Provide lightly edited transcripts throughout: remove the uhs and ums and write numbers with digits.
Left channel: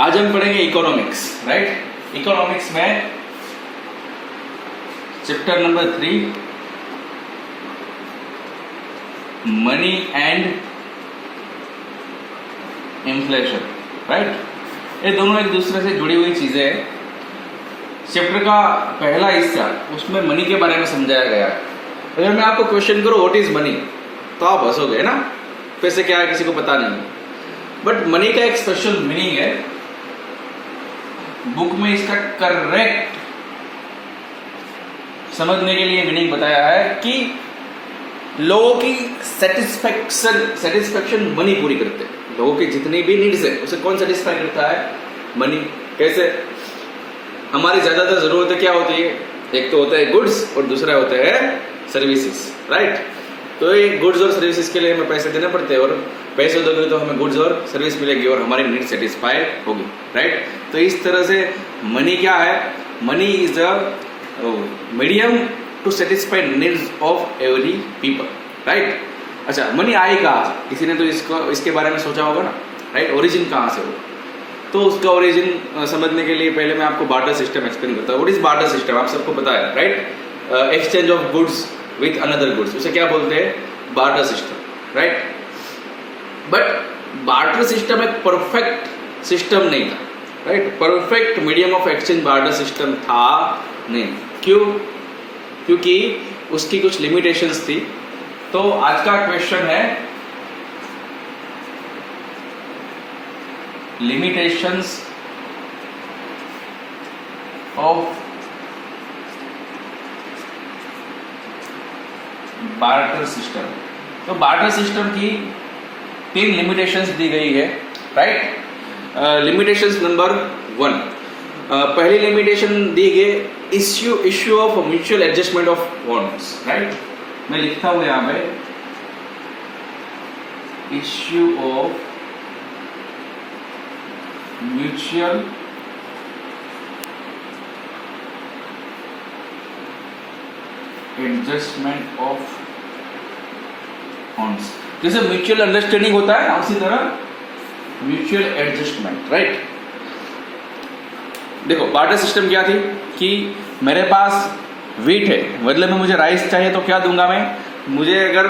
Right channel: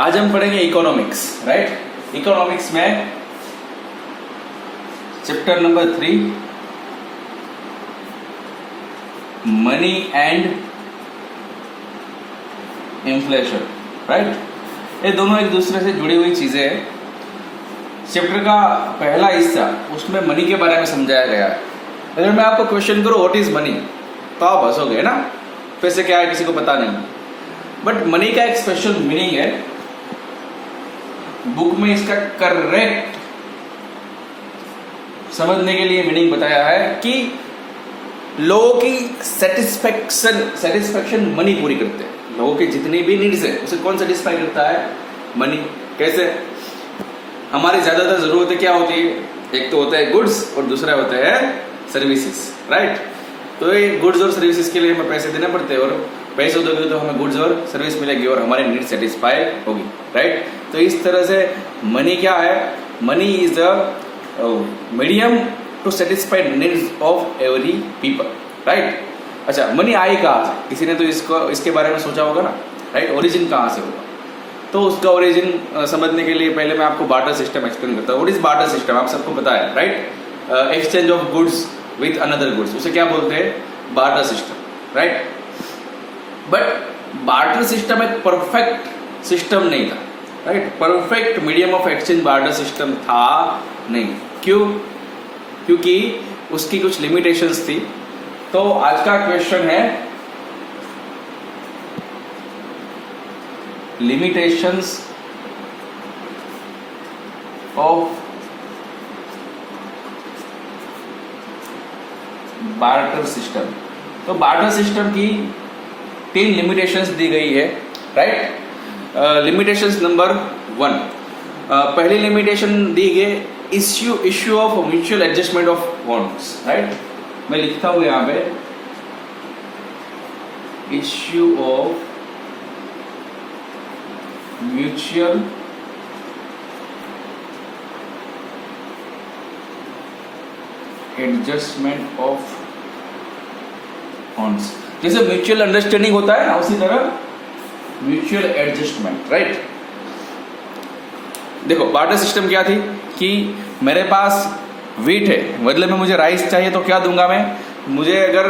आज हम पढ़ेंगे इकोनॉमिक्स, राइट। इकोनॉमिक्स में chapter number 3 money and inflation, right. ये दोनों एक दूसरे से जुड़ी हुई चीजें हैं। चैप्टर का पहला हिस्सा उसमें मनी के बारे में समझाया गया है। अगर मैं आपको क्वेश्चन करूं व्हाट इज मनी तो आप हंसोगे ना, पैसे क्या है किसी को पता नहीं। बट मनी का एक स्पेशल मीनिंग है, बुक में इसका करेक्ट समझने के लिए मीनिंग बताया है कि लोगों की सेटिस्फेक्शन मनी पूरी करते हैं। लोगों की जितनी भी नीड्स है उसे कौन सेटिस्फाई करता है? मनी। कैसे? हमारी ज्यादातर जरूरतें क्या होती है? एक तो होता है गुड्स और दूसरा होता है सर्विसेज, राइट। तो ये गुड्स और सर्विसेज के लिए हमें पैसे देना पड़ते हैं और पैसे दोगे तो हमें गुड्स और सर्विस मिलेगी और हमारी नीड सेटिस्फाई होगी, राइट। तो इस तरह से मनी क्या है? Money is a medium to satisfy needs of every people, right. अच्छा, मनी आई कहाँ से? किसी ने तो इसके बारे में सोचा होगा ना, राइट। ओरिजिन कहाँ से होगा? तो उसका ओरिजिन समझने के लिए पहले मैं आपको बार्टर सिस्टम एक्सप्लेन करता हूँ। What is barter system? आप सबको पता है, right. Exchange of goods with another goods, उसे क्या बोलते हैं? Barter system, right. But barter system एक परफेक्ट सिस्टम नहीं था, right. Perfect medium of exchange barter system था नहीं। क्यों? क्योंकि उसकी कुछ लिमिटेशंस थी। तो आज का क्वेश्चन है लिमिटेशंस ऑफ बार्टर सिस्टम। तो बार्टर सिस्टम की 3 लिमिटेशंस दी गई है, राइट। लिमिटेशंस नंबर 1, पहली लिमिटेशन दी गई issue of mutual adjustment of bonds, right. मैं लिखता हूं यहां पे issue of mutual adjustment of bonds. जैसे म्यूचुअल अंडरस्टैंडिंग होता है ना, उसी तरह म्यूचुअल एडजस्टमेंट, राइट। देखो बार्टर सिस्टम क्या थी कि मेरे पास वीट है, बदले में मुझे राइस चाहिए तो क्या दूंगा मैं? मुझे अगर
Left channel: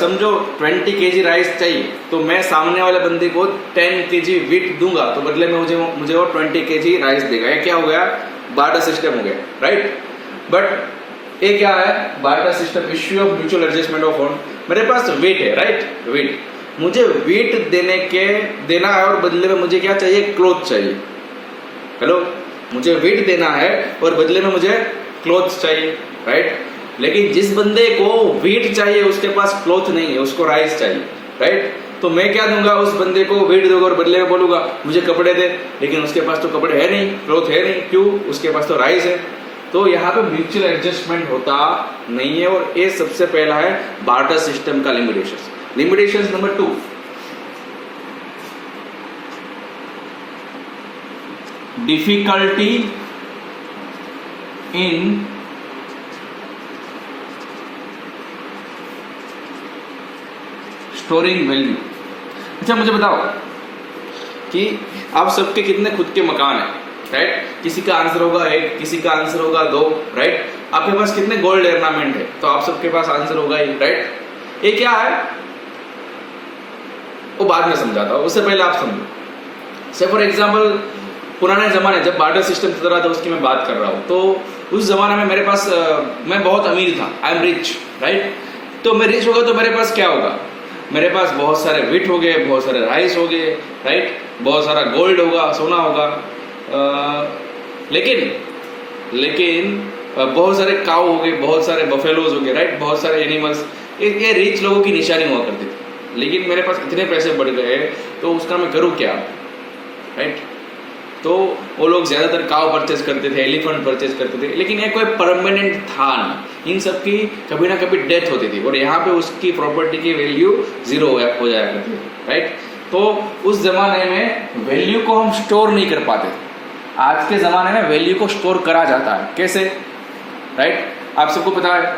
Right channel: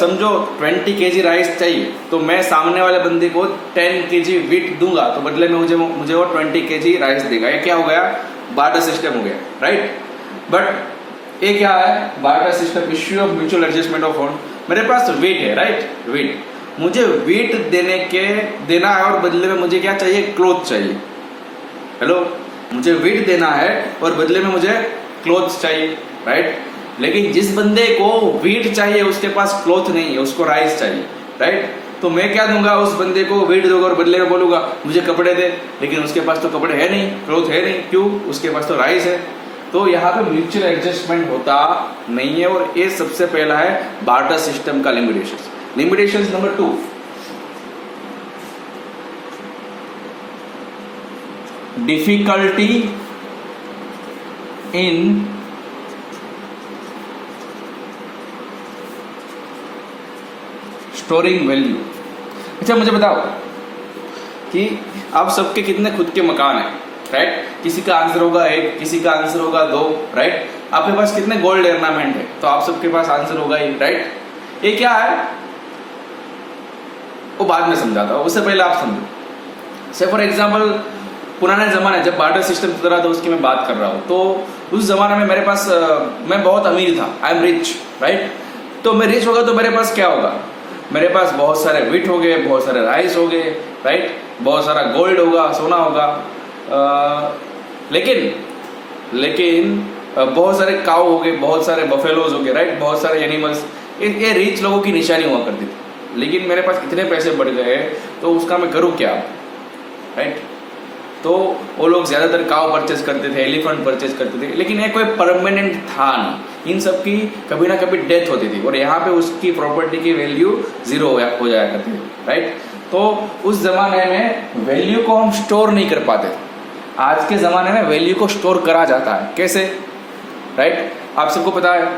समझो 20 केजी राइस चाहिए तो मैं सामने वाले बंदे को 10 केजी वीट दूंगा तो बदले में मुझे वो 20 केजी राइस देगा। ये क्या हो गया? बार्टर सिस्टम हो गया, राइट। बट ये क्या है? Barter system, issue of mutual adjustment of bond. मेरे पास वीट है, राइट। वीट, मुझे वीट देना है और बदले में मुझे क्या चाहिए? क्लोथ चाहिए। हेलो, मुझे वीट देना है और बदले में मुझे क्लोथ चाहिए, राइट। लेकिन जिस बंदे को वीट चाहिए उसके पास क्लोथ नहीं है, उसको राइस चाहिए, राइट। तो मैं क्या दूंगा? उस बंदे को वीट दूंगा और बदले में बोलूंगा मुझे कपड़े दे, लेकिन उसके पास तो कपड़े है नहीं, क्लोथ है नहीं। क्यों? उसके पास तो राइस है। तो यहाँ पे म्यूचुअल एडजस्टमेंट होता नहीं है और ये सबसे पहला है बार्टर सिस्टम का limitation. Limitation number 2, difficulty in storing value. अच्छा, मुझे बताओ कि आप सबके कितने खुद के मकान है, राइट। किसी का आंसर होगा 1, किसी का आंसर होगा 2, राइट। आपके पास कितने गोल्ड ऑर्नामेंट है तो आप सबके पास आंसर होगा ही, राइट। ये क्या है वो बाद में समझाता हूं, उससे पहले आप समझो। से फॉर एग्जाम्पल पुराने जमाने जब बार्टर सिस्टम चल रहा था उसकी मैं बात कर रहा हूं। तो उस जमाने में मेरे पास मैं बहुत अमीर था, आई एम रिच, राइट। तो मैं रिच होगा तो मेरे पास क्या होगा? मेरे पास बहुत सारे वीट हो गए, बहुत सारे राइस हो गए, राइट। बहुत सारा गोल्ड होगा, सोना होगा। लेकिन बहुत सारे काऊ हो गए, बहुत सारे बफेलोज हो गए, राइट। बहुत सारे एनिमल्स, ये रिच लोगों की निशानी हुआ करती थी। लेकिन मेरे पास इतने पैसे बढ़ गए तो उसका मैं करूं क्या, राइट। तो वो लोग ज्यादातर काव परचेज करते थे, एलिफेंट परचेज करते थे, लेकिन ये कोई परमानेंट था नहीं। इन सब की कभी ना कभी डेथ होती थी और यहाँ पे उसकी प्रॉपर्टी की वैल्यू 0 हो जाया करती थी, राइट। तो उस जमाने में वैल्यू को हम स्टोर नहीं कर पाते थे। आज के जमाने में वैल्यू को स्टोर करा जाता है। कैसे? राइट। आप सबको पता है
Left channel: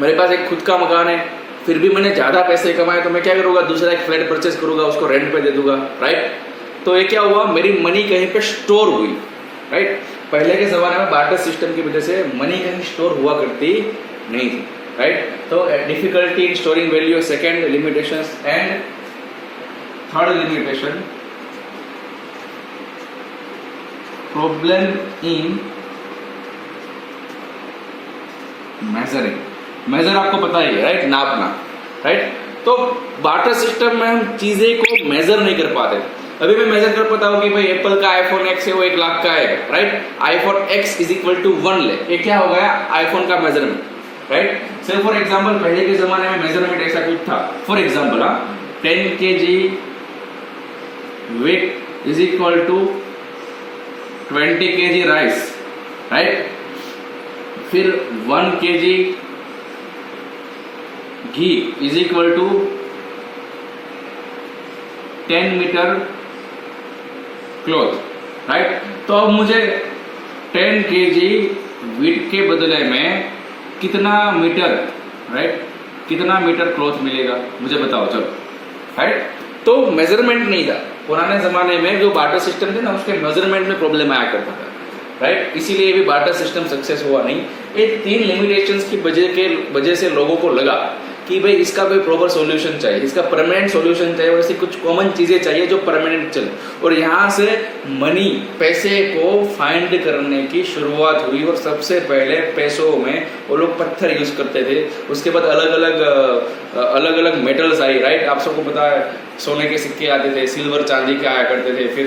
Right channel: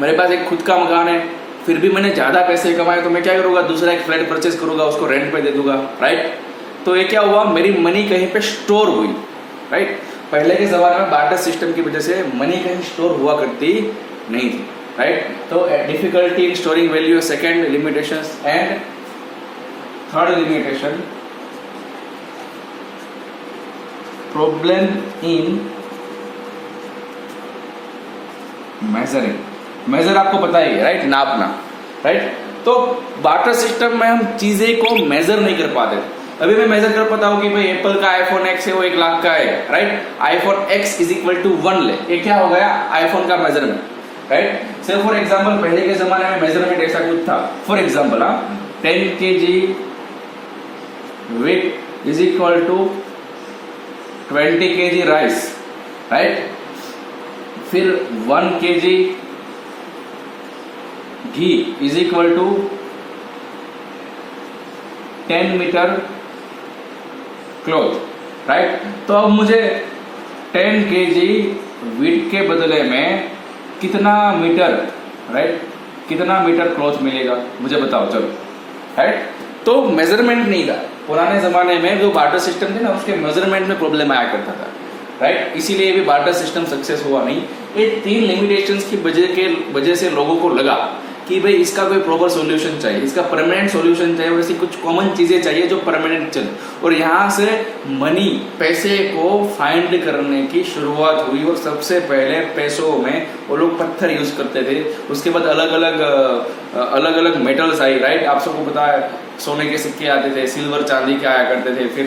मेरे पास एक खुद का मकान है, फिर भी मैंने ज्यादा पैसे कमाए तो मैं क्या करूंगा? दूसरा एक फ्लैट परचेज करूंगा, उसको रेंट पे दे दूंगा, राइट। तो ये क्या हुआ, मेरी मनी कहीं पे स्टोर हुई, राइट। पहले के जमाने में बार्टर सिस्टम की वजह से मनी कहीं स्टोर हुआ करती नहीं थी, राइट। तो difficulty in storing value, second limitations, and third limitation problem in measuring. Measure आपको पता ही है, राइट, नापना, राइट। तो बार्टर सिस्टम में हम चीजें को मेजर नहीं कर पाते। अभी मैं मेजर कर पाता हूँ कि भाई एप्पल का आईफोन एक्स है वो 1 लाख का है, right. IPhone X is equal to 1 ले, ये क्या हो गया, आईफोन का मेजरमेंट, राइट। से फॉर एग्जाम्पल पहले के जमाने में मेजरमेंट ऐसा कुछ था, for example 10 kg weight is equal to 20 kg rice, right. फिर 1 kg घी is equal to 10 metre cloth, right. तो अब मुझे 10 kg वीट के बदले में कितना मीटर, राइट, कितना मीटर क्लॉथ मिलेगा, मुझे बताओ चलो, राइट। तो मेजरमेंट नहीं था पुराने जमाने में, जो बार्टर सिस्टम थे ना उसके मेजरमेंट में प्रॉब्लम आया करता था, राइट। इसीलिए भी बार्टर सिस्टम सक्सेस हुआ नहीं। ये 3 लिमिटेशंस की वजह से लोगों को लगा कि भाई इसका कोई प्रॉपर सॉल्यूशन चाहिए, इसका परमानेंट सॉल्यूशन चाहिए, और ऐसी कुछ कॉमन चीजें चाहिए जो परमानेंट चले। और यहाँ से मनी, पैसे को फाइंड करने की शुरुआत हुई। और सबसे पहले पैसों में वो लोग पत्थर यूज करते थे, उसके बाद अलग अलग मेटल्स आई, राइट। आप सबको पता है सोने के सिक्के आते थे, सिल्वर चांदी के आया करते थे, फिर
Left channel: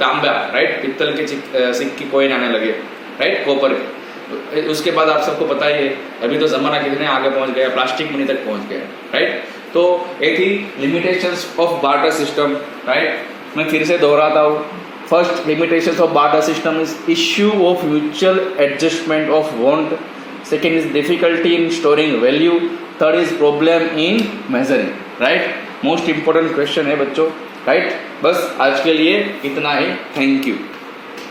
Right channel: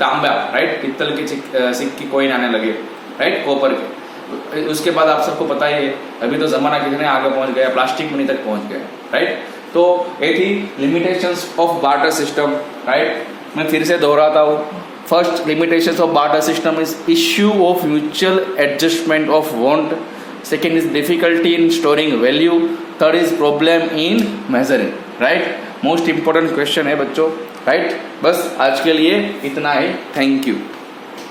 तांबा, राइट, पित्तल के सिक्के कॉइन आने लगे, राइट, कॉपर के। उसके बाद आप सबको पता है अभी तो जमाना कितने आगे पहुंच गया, प्लास्टिक मनी तक पहुंच गया, राइट। तो ये थी limitations of barter system, right. मैं फिर से दोहराता हूं, first limitations of barter system is issue of mutual adjustment of want, second is difficulty in storing value, third is problem in measuring, right. Most important question है बच्चों, right. बस आज के लिए इतना ही, थैंक यू।